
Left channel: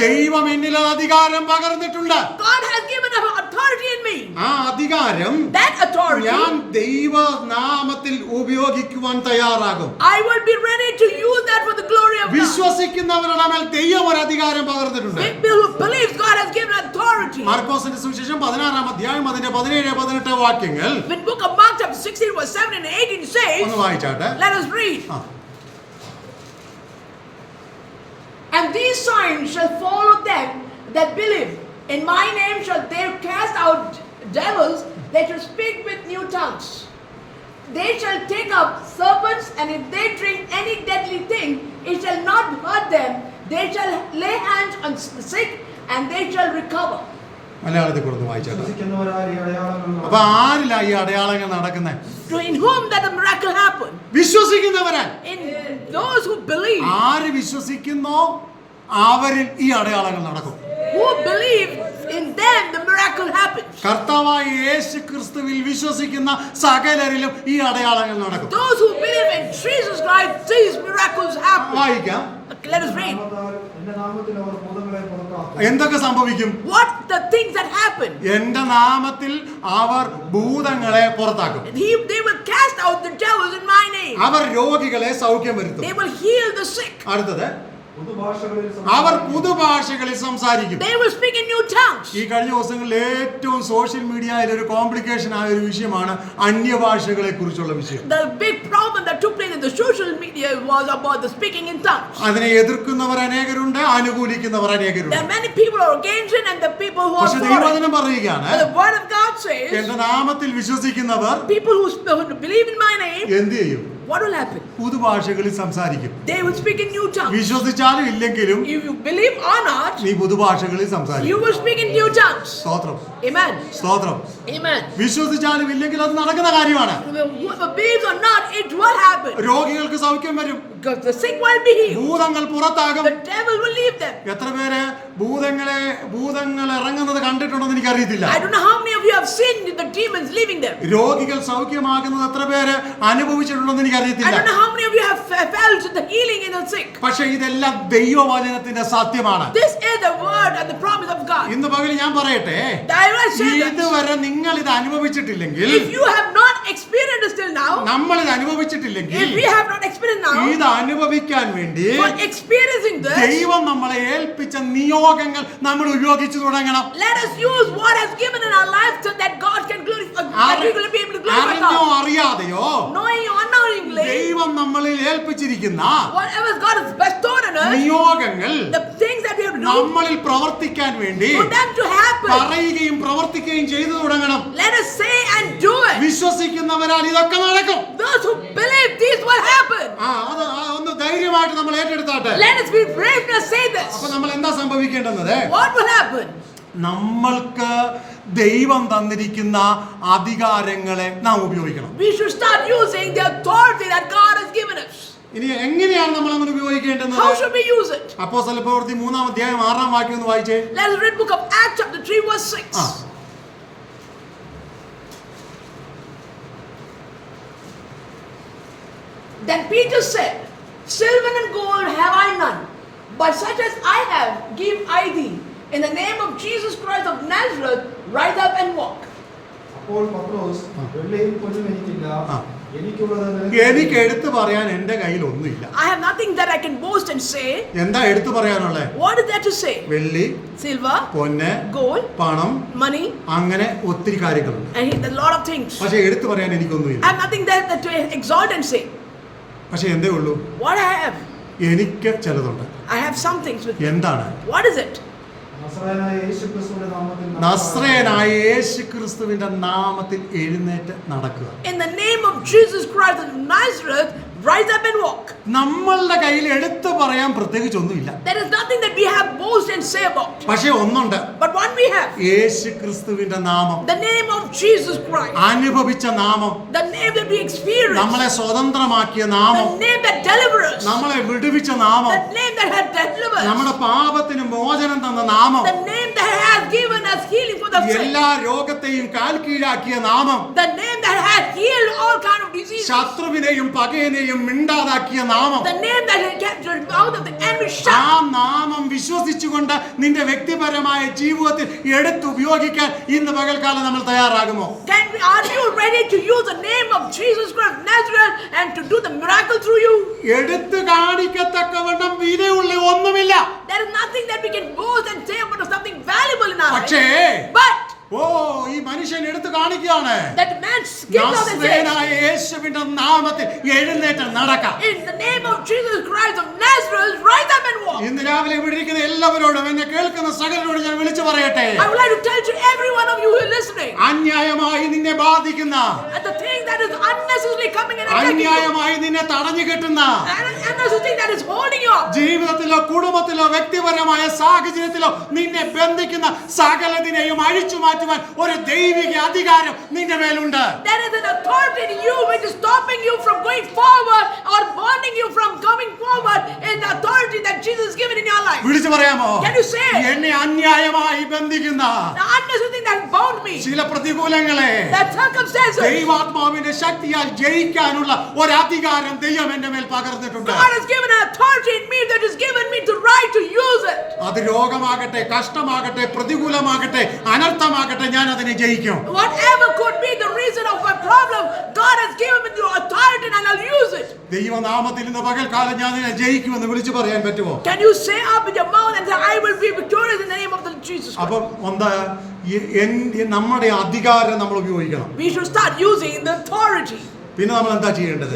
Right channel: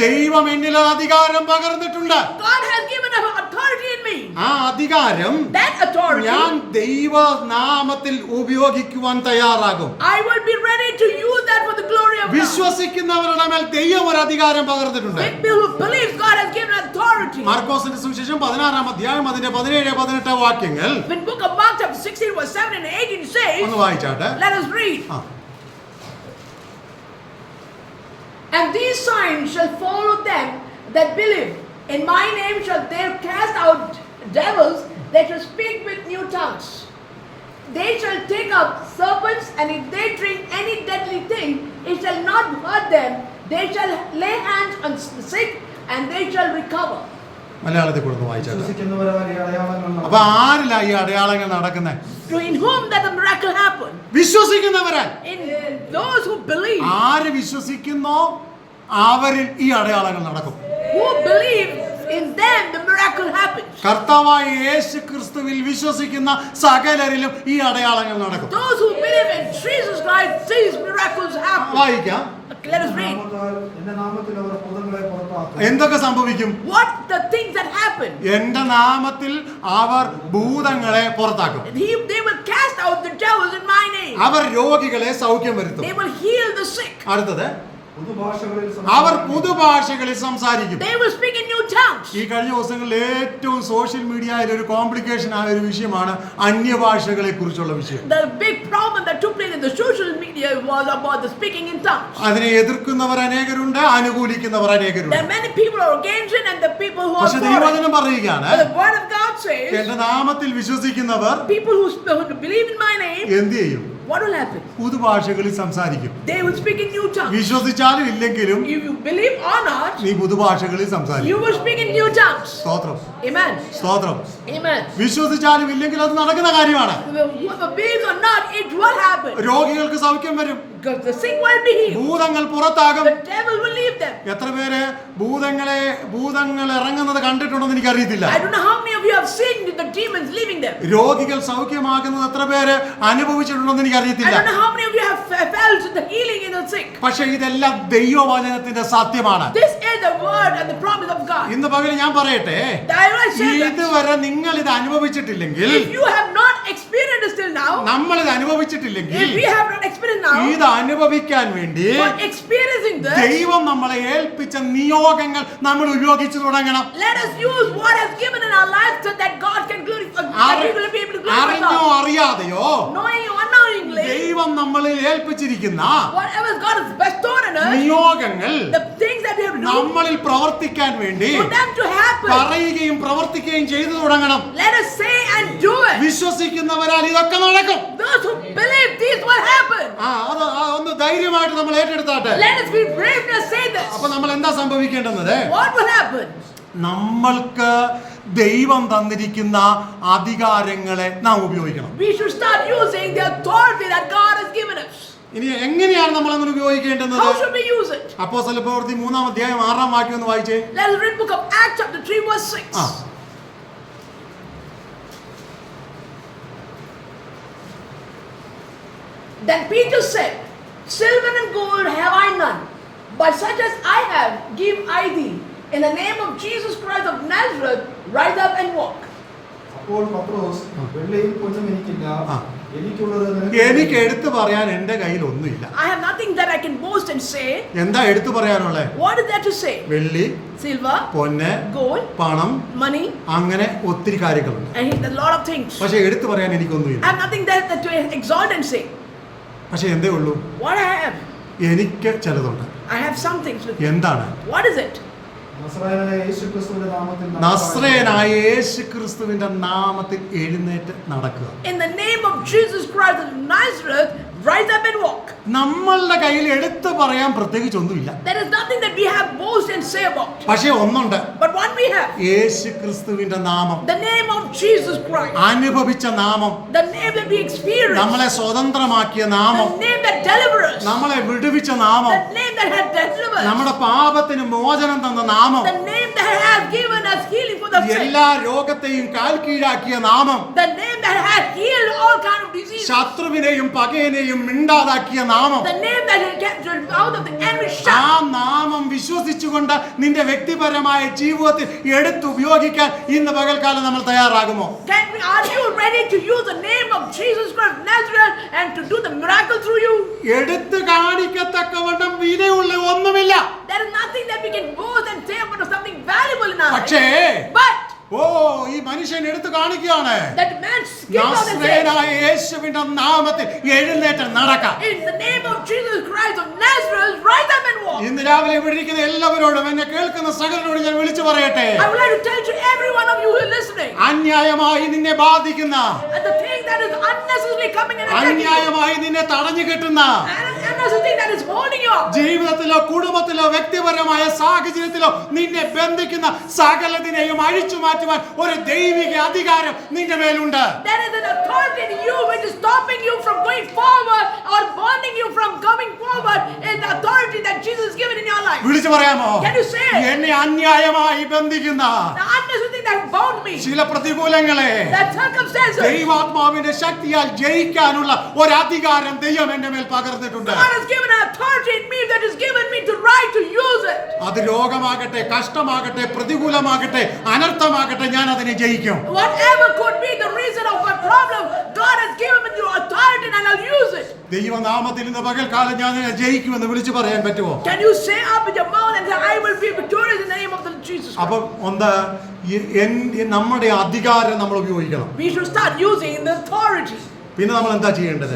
ദൈവം എന്നിൽ അധികാരം പകർന്നിട്ടുണ്ട്. ആ അധികാരം ഞാൻ ദൈവ നാമത്തിൽ ഉപയോഗിക്കുവാൻ തയ്യാറാകും. വിശ്വസിക്കുന്നവരുടെ മേൽ ദൈവം ഒരു അധികാരം പകർന്നിട്ടുണ്ട്
who believe God has given authority.
മാർക്കോസിന്റെ സുവിശേഷം പതിനാറാം അധ്യായം അതിന്റെ പതിനേഴ് പതിനെട്ട് വാക്യങ്ങൾ
When book of Mark chapter 16 verse 7 and 18 says,
ഒന്ന് വായിച്ചാട്ടെ
let us read.
ആ.
And these signs shall follow them that believe. In my name shall they cast out devils, they shall speak with new tongues. They shall take up serpents, and if they drink any deadly thing, it shall not hurt them. They shall lay hands on the sick, and they shall recover.
മലയാളത്തിൽ കൊടുത്ത് വായിച്ചാൽ
വിശ്വസിക്കുന്നവരാൽ
അപ്പൊ ആരിലാ ഈ അടയാളങ്ങൾ നടക്കുന്നത്
So in whom that miracle happened?
വിശ്വസിക്കുന്നവരാൻ
those who believe.
ആര് വിശ്വസിക്കുന്നോ അവരിൽ ഈ അടയാളങ്ങൾ നടക്കും
Who believe in them the miracle happens.
കർത്താവായ യേശു ക്രിസ്തുവിൽ വിശ്വസിക്കുന്ന സകലരിലും ഈ അടയാളങ്ങൾ നടക്കും
Those who believe in Jesus Christ, these miracles happen.
വായിക്കാം എന്തൊക്കെ സംഭവിക്കും
What the things that happen?
എന്റെ നാമത്തിൽ അവർ ഭൂതങ്ങളെ പുറത്താക്കും
He, they will cast out the devils in my name.
അവർ രോഗികളെ സൗഖ്യം വരുത്തും
They will heal the sick.
അടുത്തത് അവർ. പുതുഭാഷകളിൽ സംസാരിക്കും
They will speak in new tongues.
ഈ കഴിഞ്ഞ ദിവസങ്ങളിൽ ഏറ്റവും സോഷ്യൽ മീഡിയയിൽ ഒരു കോംപ്ലിക്കേഷൻ ആയ ഒരു വിഷയമാണ് അന്യഭാഷകളെ കുറിച്ചുള്ള വിഷയം
The big problem that took place in the social media was about the speaking in tongues.
അതിനെ എതിർക്കുന്നവർ അനേകരുണ്ട് അനുകൂലിക്കുന്നവർ അനേകരുണ്ട് പക്ഷെ. ദൈവവചനം പറയുകയാണ് എന്റെ നാമത്തിൽ വിശ്വസിക്കുന്നവർ
people who, who believe in my name,
എന്ത് ചെയ്യും
what will happen?
പുതുഭാഷകളിൽ സംസാരിക്കും
They will speak in new tongues.
വിശ്വസിച്ചാലും ഇല്ലെങ്കിലും
If you believe or not,
നീ പുതുഭാഷകളിൽ സംസാരിക്കും
you will speak in new tongues.
സ്തോത്രം
Amen.
സ്തോത്രം
Amen.
വിശ്വസിച്ചാലും ഇല്ലെങ്കിലും അത് നടക്കുന്ന കാര്യമാണ്
Whether believes or not, it will happen.
രോഗികൾക്ക് സൗഖ്യം വരും
Because the sick will be healed.
ഭൂതങ്ങൾ പുറത്താകും
The devil will leave them.
എത്ര പേര് ഭൂതങ്ങളെ ഭൂതങ്ങൾ ഇറങ്ങുന്നത് കണ്ടിട്ടുണ്ടെന്ന് എനിക്കറിയത്തില്ല
I don't know how many of you have seen the demons leaving them.
രോഗികൾ സൗഖ്യമാകുന്നത് എത്ര പേര് അനുഭവിച്ചിട്ടുണ്ടെന്ന്
I
എനിക്കറിയത്തില്ല
don't know how many of you have fe- felt the healing in the sick.
പക്ഷെ ഇതെല്ലാം ദൈവവചനത്തിന്റെ സത്യമാണ്
This is the word and the promise of God.
ഇന്ന് പകൽ ഞാൻ പറയട്ടെ
that
ഇതുവരെ നിങ്ങൾ ഇത് അനുഭവിച്ചിട്ടില്ലെങ്കിൽ
if you have not experienced it till now,
നമ്മൾ ഇത് അനുഭവിച്ചിട്ടില്ലെങ്കിൽ
if we have not experienced now,
ഇത് അനുഭവിക്കാൻ വേണ്ടി ദൈവം നമ്മളെ ഏൽപ്പിച്ച നിയോഗങ്ങൾ നമ്മൾ ഉപയോഗിച്ചു തുടങ്ങണം. അറിഞ്ഞോ അറിയാതെയോ? ദൈവം നമ്മളിൽ ഏൽപ്പിച്ചിരിക്കുന്ന നിയോഗങ്ങൾ നമ്മളിൽ പ്രവർത്തിക്കാൻ വേണ്ടി പറയുകയും പ്രവർത്തിക്കുകയും ചെയ്തു തുടങ്ങണം. വിശ്വസിക്കുന്നവരാൽ ഇതൊക്കെ നടക്കും. ഒന്ന് ധൈര്യമായിട്ട് നമ്മൾ ഏറ്റെടുത്താട്ടെ. അപ്പൊ നമ്മൾ എന്താ
സംഭവിക്കേണ്ടത്
നമ്മൾക്ക് ദൈവം തന്നിരിക്കുന്ന അധികാരങ്ങളെ നാം ഉപയോഗിക്കണം
We should start using the authority that God has given us.
ഇനി എങ്ങനെയാണ് നമ്മൾ അങ്ങനെ ഉപയോഗിക്കേണ്ടത്
How should we use it?
അപ്പോ പ്രവൃത്തി മൂന്നാം അധ്യായം ആറാം വാക്യം ഒന്ന് വായിച്ചേ
Let us read book of Acts chapter 3 verse 6.
ആ
Then Peter said, Silver and gold have I none, but such as I have give I thee. In the name of Jesus Christ of Nazareth, rise up and walk.
അപ്പോൾ പത്രോസ് വെള്ളിയും പൊന്നും എനിക്കില്ല
എനിക്ക് എടുത്തു പറയാൻ എന്റെ കയ്യിൽ ഒന്നുമില്ല
I have nothing that I can boast and say.
എന്താ എടുത്തു പറയാനുള്ളേ
What is there to say?
വെള്ളി
Silver,
പൊന്ന്
gold,
പണം
money,
അങ്ങനെ ഒത്തിരി കാര്യങ്ങളുണ്ട്
and a lot of things.
പക്ഷെ എടുത്തു പറയാൻ എനിക്കൊന്നുമില്ല
I have nothing there that to exalt and say.
പക്ഷെ എന്തേ ഉള്ളൂ
What I have,
എനിക്ക് ചിലതുണ്ട്
I have some things with me.
എന്താണ്
What is it?
നസറായനായ യേശുക്രിസ്തുവിന്റെ നാമത്തിൽ
നസ്രേനായ യേശു ക്രിസ്തുവിന്റെ നാമത്തിൽ എഴുന്നേറ്റ് നടക്കുക.
In the name of Jesus Christ of Nazareth, rise up and walk.
നമ്മളുടെ കയ്യിൽ എടുത്തു പറയാൻ പ്രത്യേകിച്ച് ഒന്നുമില്ല
There is nothing that we have boast and say about.
പക്ഷേ ഒന്നുണ്ട്
But one we have,
യേശു ക്രിസ്തുവിന്റെ നാമം
the name of Jesus Christ,
അനുഭവിച്ച നാമം
the name that we experienced,
നമ്മളെ സ്വതന്ത്രമാക്കിയ നാമം
the name that delivers us,
നമ്മളെ വിടുവിച്ച നാമം
the name that has delivered us,
നമ്മുടെ പാപത്തിന് മോചനം തന്ന നാമം
the name that has given us healing for the sick,
എല്ലാ രോഗത്തെയും കാൽ കീഴാക്കിയ നാമം
the name that has healed all kind of diseases,
ശത്രുവിനെയും പകയനെയും എല്ലാവരെയും മിണ്ടാതാക്കിയ നാമം. ആ നാമം വിശ്വസിച്ചുകൊണ്ട് നിന്റെ വ്യക്തിപരമായ ജീവിതത്തിൽ എടുത്തു ഉപയോഗിക്കാൻ ഇന്ന് പകൽക്കാലം നമ്മൾ തയ്യാറാകുമോ? എടുത്തു കാണിക്കത്തക്കവണ്ണം വിലയുള്ള ഒന്നുമില്ല. പക്ഷേ ഓ ഈ മനുഷ്യൻ എടുത്തു കാണിക്കുകയാണ്. യേശുവിന്റെ നാമത്തിൽ എഴുന്നേറ്റം നടക്കാം. ഇന്ന് രാവിലെ ഇവിടെ എല്ലാവരോടും എന്നെ കേൾക്കുന്ന സകലരോട് ഞാൻ വിളിച്ചു പറയട്ടെ. അന്യായമായി നിന്നെ ബാധിക്കുന്ന അന്യായമായി നിന്നെ തടഞ്ഞു കിട്ടുന്ന ജീവിതത്തിലോ കുടുംബത്തിലോ വ്യക്തിപരമായ സാഹചര്യത്തിലോ നിന്നെ ബന്ധിക്കുന്ന സകലത്തിനെയും അഴിച്ചു മാറ്റുവാൻ ഒരു ദൈവിക അധികാരം നിന്റെ മേലുണ്ട്
there is an authority in you which is stopping you from going forward or burning you from coming forward in the authority that Jesus has given in your life.
വിളിച്ചു പറയാമോ
Can you say it?
എന്നെ അന്യായമായി ബന്ധിക്കുന്ന
The unnecessary that bound me,
ചില പ്രതികൂലങ്ങളെ
that circumstances.
ദൈവാത്മാവിന്റെ ശക്തിയാൽ ജയിക്കാനുള്ള ഒരധികാരം ദൈവം എന്റെ മേൽ പകർന്നിട്ടുണ്ട്
God has given an authority in me that is given me the to use it.
അത് രോഗമാകട്ടെ കഷ്ടമാകട്ടെ പ്രതികൂലമാകട്ടെ അനർത്ഥമാകട്ടെ ഞാൻ അതിനെ ജയിക്കും
Whatever could be the reason of my problem, God has given me the authority and I'll use it.
ദൈവനാമത്തിൽ ഇന്ന് പകൽക്കാലം ഞാൻ ജയിക്കുമെന്ന് വിളിച്ചു പറയാൻ പറ്റുമോ
Can you say up with your mouth and say, I will be victorious in the name of the Jesus Christ?
അപ്പം ഒന്ന് നമ്മുടെ അധികാരം നമ്മൾ ഉപയോഗിക്കണം. പിന്നെ നമ്മൾ എന്താ ചെയ്യേണ്ടത്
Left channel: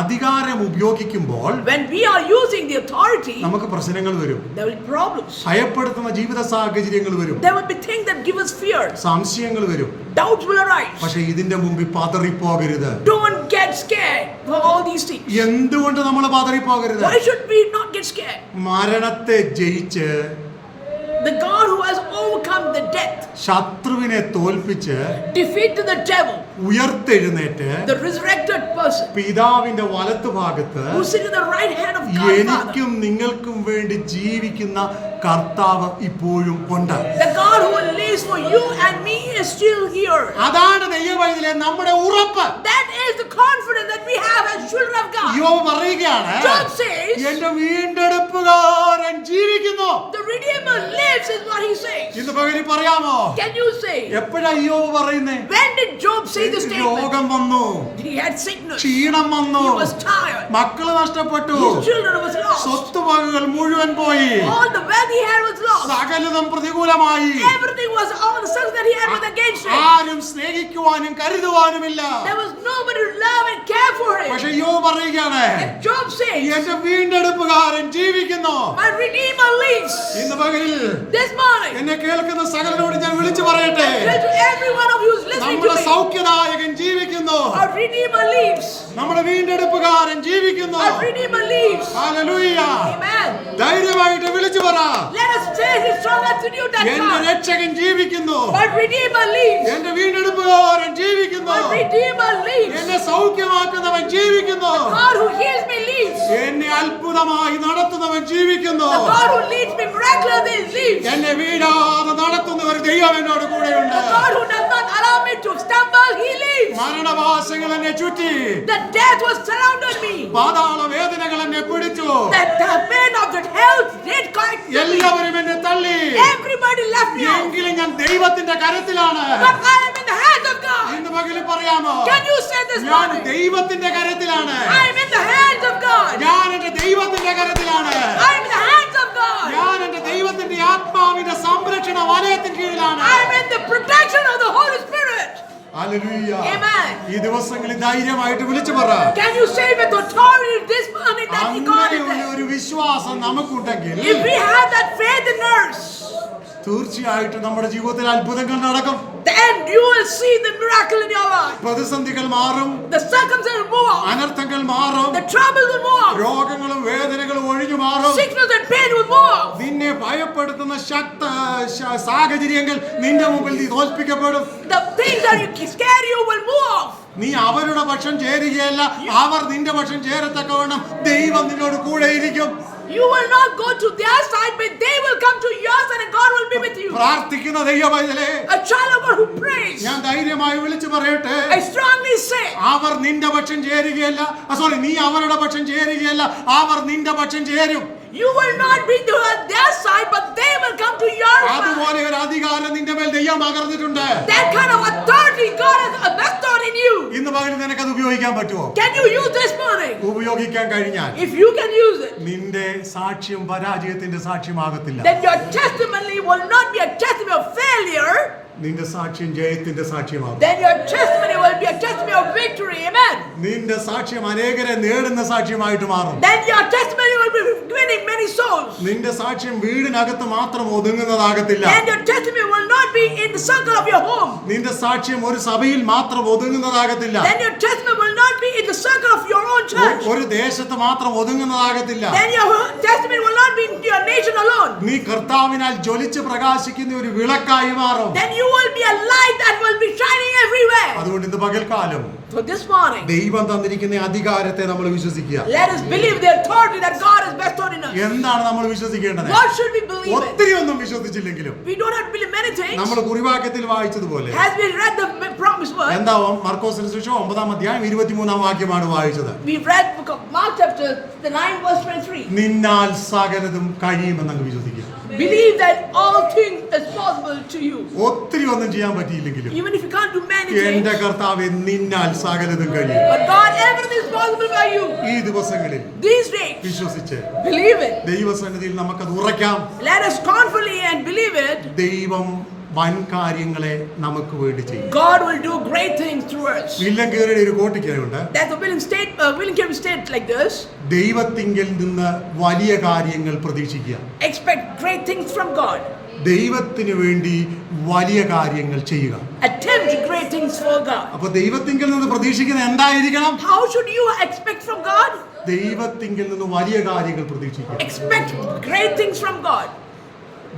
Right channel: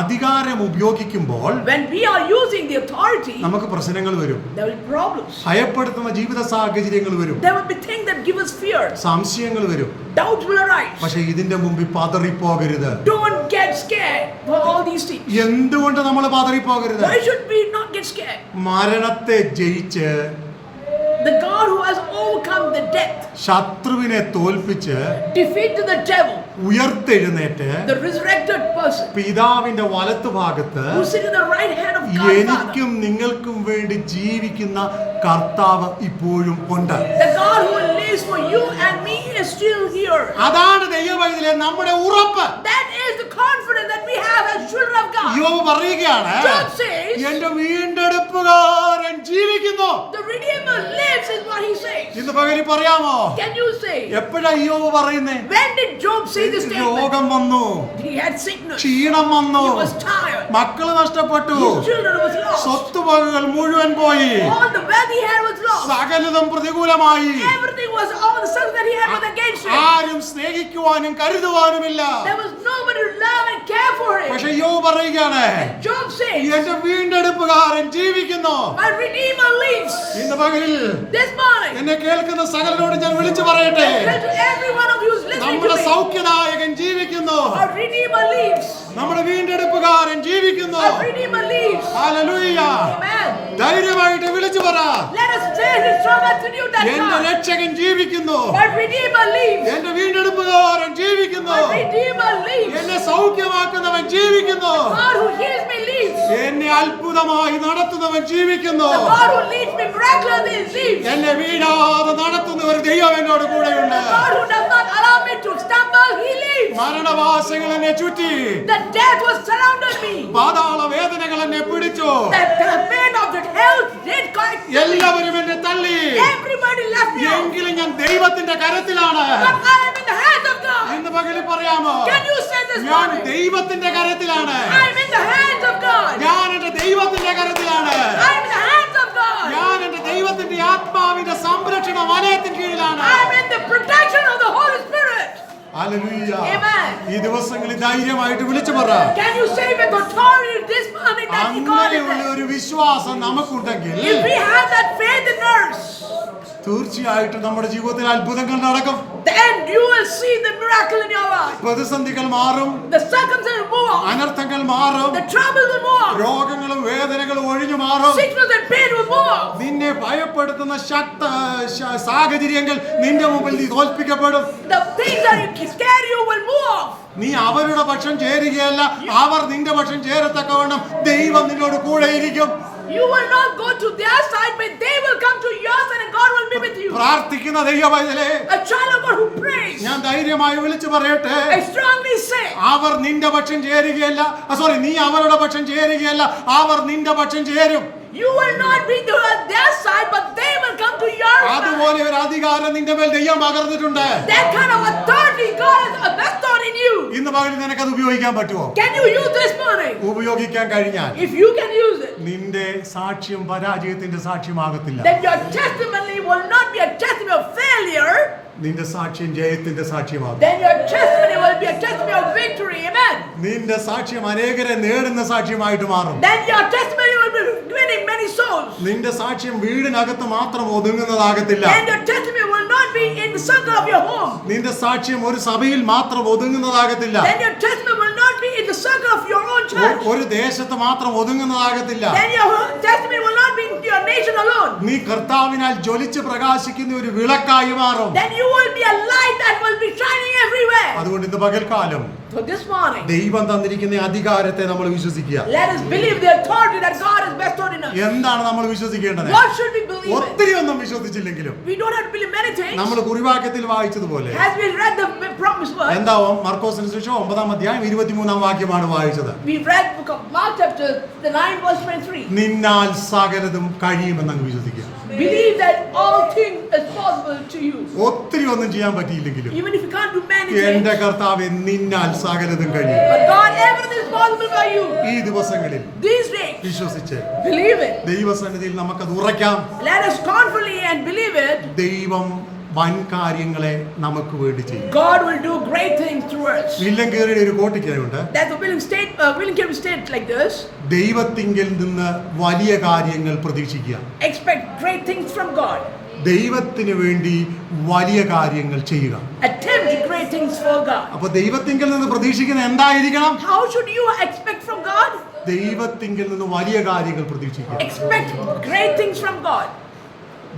അധികാരം ഉപയോഗിക്കുമ്പോൾ
When we are using the authority,
നമുക്ക് പ്രശ്നങ്ങൾ വരും
there will problems.
ഭയപ്പെടുത്തുന്ന ജീവിത സാഹചര്യങ്ങൾ വരും
There will be things that give us fear.
സംശയങ്ങൾ വരും
Doubts will arise.
പക്ഷെ ഇതിന്റെ മുമ്പിൽ പാതറി
Don't get scared for all these things.
എന്തുകൊണ്ട് നമ്മൾ പാതറി
Why should we not get scared?
മരണത്തെ ജയിച്ച്
The God who has overcome the death,
ശത്രുവിനെ തോൽപ്പിച്ച്
defeat the devil,
ഉയർത്തെഴുന്നേറ്റ് പിതാവിന്റെ
വലത്തുഭാഗത്ത്
എനിക്കും നിങ്ങൾക്കും വേണ്ടി ജീവിക്കുന്ന കർത്താവ് ഇപ്പോഴും ഉണ്ട്. അതാണ് ദൈവവൈദ്യ നമ്മുടെ ഉറപ്പ്. പറയുകയാണ് എന്റെ വീണ്ടെടുപ്പുകാരൻ ജീവി
The Redeemer lives, is what he says.
ഇന്ന് പകരി പറയാമോ
Can you say?
എപ്പോഴാ യോബ് പറയുന്നേ
When did Job say this statement?
രോഗം വന്നു
He had sickness.
ക്ഷീണം വന്നു
He was tired.
മക്കൾ നഷ്ടപ്പെട്ടു
His children was lost.
സ്വത്തുവകകൾ മുഴുവൻ പോയി
All the wealth he had was lost.
സകലതും പ്രതികൂലമായി
Everything was all the stuff that he had was against him.
ആരും സ്നേഹിക്കുവാനും കരുതുവാനുമില്ല
There was nobody to love and care for him.
പക്ഷേ യോബ് പറയുകയാണ്
Job says,
എന്റെ വീണ്ടെടുപ്പുകാരൻ ജീവിക്കുന്നു
My Redeemer lives.
ഇന്ന് പകലിൽ എന്നെ കേൾക്കുന്ന സകലരോട് ഞാൻ വിളിച്ചു പറയട്ടെ. നമ്മുടെ സൗഖ്യദായകൻ ജീവിക്കുന്നു. നമ്മുടെ വീണ്ടെടുപ്പുകാരൻ ജീവിക്കുന്നു. ധൈര്യമായിട്ട് വിളിച്ചു പറ. എന്റെ രക്ഷകൻ ജീവിക്കുന്നു. എന്റെ വീണ്ടെടുപ്പുകാരൻ ജീവിക്കുന്നു. എന്നെ സൗഖ്യമാക്കുന്നവൻ ജീവിക്കുന്നു. എന്നെ അത്ഭുതമായി നടത്തുന്നവൻ ജീവിക്കുന്നു. എന്നെ വീടാതെ നടത്തുന്ന ഒരു ദൈവം എന്നോട് കൂടെയുണ്ട്.
Me to stumble, he lives.
മരണവാസങ്ങൾ എന്നെ ചുറ്റി
The death was surrounded me.
പാതാള വേദനകൾ എന്നെ പിടിച്ചു
the pain of that hell did quite
എല്ലാവരും എന്നെ തള്ളി
Everybody left me.
എങ്കിലും ഞാൻ ദൈവത്തിന്റെ കരത്തിലാണ്
But I am in the hands of God.
ഇന്ന് പകലിൽ പറയാമോ
Can you say this
ഞാൻ? ദൈവത്തിന്റെ കരത്തിലാണ്
I am in the hands of God.
ഞാൻ എന്റെ ദൈവത്തിന്റെ കരത്തിലാണ്
I am in the hands of God.
ഞാൻ എന്റെ ദൈവത്തിന്റെ ആത്മാവിന്റെ സംരക്ഷണ വലയത്തിന് കീഴിലാണ്
I am in the protection of the Holy Spirit.
Hallelujah.
Amen.
ഈ ദിവസങ്ങളിൽ ധൈര്യമായിട്ട് വിളിച്ചു പറ
Can you say with authority this morning that God is
അങ്ങനെയുള്ള? ഒരു വിശ്വാസം നമുക്കുണ്ടെങ്കിൽ
If we have that faith in us,
തീർച്ചയായിട്ടും നമ്മുടെ ജീവിതത്തിൽ അത്ഭുതങ്ങൾ നടക്കും.
Then you will see the miracle in your life.
പ്രതിസന്ധികൾ മാറും.
The circumstances will move.
അനർത്ഥങ്ങൾ മാറും.
The trouble will move
രോഗങ്ങളും വേദനകളും ഒഴിഞ്ഞു മാറും.
Sickness and pain will move
നിന്നെ ഭയപ്പെടുത്തുന്ന ശക്ത സാഹചര്യങ്ങൾ നിന്റെ മുമ്പിൽ നീ തോൽപ്പിക്കപ്പെടും.
The things that you scare you will move.
നീ അവരുടെ പക്ഷം ചേരുകയല്ല. അവർ നിന്റെ പക്ഷം ചേരത്തക്കവണ്ണം ദൈവം നിന്നോട് കൂടെ ഇരിക്കും
You will not go to their side, but they will come to your side and God will be with you.
പ്രാർത്ഥിക്കുന്ന ദൈവമൈതലേ
A child of God who prays.
ഞാൻ ധൈര്യമായി വിളിച്ചു പറയട്ടെ
I strongly say,
അവർ നിന്റെ പക്ഷം ചേരുകയല്ല സോറി നീ അവരുടെ പക്ഷം ചേരുകയല്ല അവർ നിന്റെ പക്ഷം ചേരും
you will not be to their side, but they will come to your side.
അതുപോലെ ഒരു അധികാരം നിന്റെ മേൽ ദൈവം പകർന്നിട്ടുണ്ട്
That kind of authority God has bestowed in you.
ഇന്ന് പകൽ അത് ഉപയോഗിക്കാൻ പറ്റുമോ
Can you use this morning?
ഉപയോഗിക്കാൻ കഴിഞ്ഞാൽ
If you can use it,
നിന്റെ സാക്ഷ്യം പരാജയത്തിന്റെ സാക്ഷ്യമാകത്തില്ല
then your testimony will not be a testimony of failure,
നിന്റെ സാക്ഷ്യം ജയത്തിന്റെ സാക്ഷ്യമാകും
then your testimony will be a testimony of victory. Amen.
നിന്റെ സാക്ഷ്യം അനേകരെ നേടുന്ന സാക്ഷ്യമായിട്ട് മാറും
Then your testimony will be winning many souls.
നിന്റെ സാക്ഷ്യം വീടിനകത്ത് മാത്രം ഒതുങ്ങുന്നതാകത്തില്ല
Then your testimony will not be in the circle of your home.
നിന്റെ സാക്ഷ്യം ഒരു സഭയിൽ മാത്രം ഒതുങ്ങുന്നതാകത്തില്ല
Then your testimony will not be in the circle of your own
ഒ-
church.
ഒരു ദേശത്ത് മാത്രം ഒതുങ്ങുന്നതാകത്തില്ല
Then your testimony will not be in your nation alone.
നീ കർത്താവിനാൽ ജ്വലിച്ച് പ്രകാശിക്കുന്ന ഒരു വിളക്കായി മാറും
Then you will be a light that will be shining everywhere.
അതുകൊണ്ട് ഇന്ന് പകൽക്കാലം
So this morning,
ദൈവം തന്നിരിക്കുന്ന അധികാരത്തെ നമ്മൾ വിശ്വസിക്കുക
let us believe the authority that God has bestowed in us.
എന്താണ് നമ്മൾ വിശ്വസിക്കേണ്ടത്
What should we believe
ഒത്തിരി ഒന്നും വിശ്വസിച്ചില്ലെങ്കിലും
We don't have believe many things.
നമ്മൾ കുറിവാക്യത്തിൽ വായിച്ചതുപോലെ
As we read the promise word,
എന്താവും മർക്കോസിന് ശേഷം ഒമ്പതാം അധ്യായം ഇരുപത്തിമൂന്നാം വാക്യമാണ് വായിച്ചത്
we read book of Mark chapter the 9 verse 23.
നിന്നാൽ സകലതും കഴിയുമെന്ന് അങ്ങ് വിശ്വസിക്കുക
Believe that all things is possible to you.
ഒത്തിരി ഒന്നും ചെയ്യാൻ പറ്റിയില്ലെങ്കിലും
Even if you can't do many
എന്റെ
things.
കർത്താവ് നിന്നാൽ സകലതും കഴിയും
But God, everything is possible for you.
ഈ ദിവസങ്ങളിൽ
These days,
വിശ്വസിച്ച്
believe it.
ദൈവസന്നിധിയിൽ നമുക്കത് ഉറയ്ക്കാം
Let us confidently and believe it.
ദൈവം വൻ കാര്യങ്ങളെ നമുക്ക് വേണ്ടി ചെയ്യും
God will do great things through us.
വില്ലൻ കയറിയുടെ ഒരു കോട്ടിക്കുണ്ട്
That's the William state, uh, William Carey state like this.
ദൈവത്തിങ്കിൽ നിന്ന് വലിയ കാര്യങ്ങൾ പ്രതീക്ഷിക്കുക
Expect great things from God.
ദൈവത്തിന് വേണ്ടി വലിയ കാര്യങ്ങൾ ചെയ്യുക
Attempt great things for God.
അപ്പൊ ദൈവത്തിങ്കിൽ നിന്ന് പ്രതീക്ഷിക്കുന്നത് എന്തായിരിക്കണം
How should you expect from God?
ദൈവത്തിങ്കിൽ നിന്ന് വലിയ കാര്യങ്ങൾ പ്രതീക്ഷിക്കുക
Expect great things from God.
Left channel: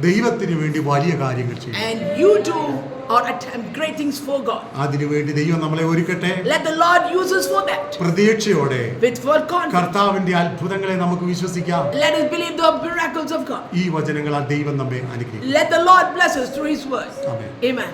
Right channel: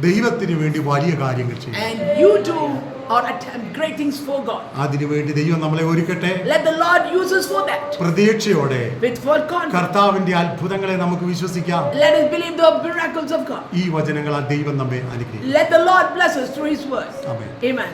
ദൈവത്തിന് വേണ്ടി വലിയ കാര്യങ്ങൾ ചെയ്യുക
And you too or attempt great things for God.
അതിനുവേണ്ടി ദൈവം നമ്മളെ ഒരുക്കട്ടെ
Let the Lord use us for that.
പ്രതീക്ഷയോടെ
With full confidence.
കർത്താവിന്റെ അത്ഭുതങ്ങളെ നമുക്ക് വിശ്വസിക്കാം
Let us believe the miracles of God.
ഈ വചനങ്ങൾ ദൈവം നമ്മെ അനുഗ്രഹിക്കും
Let the Lord bless us through His word.
Amen.
Amen.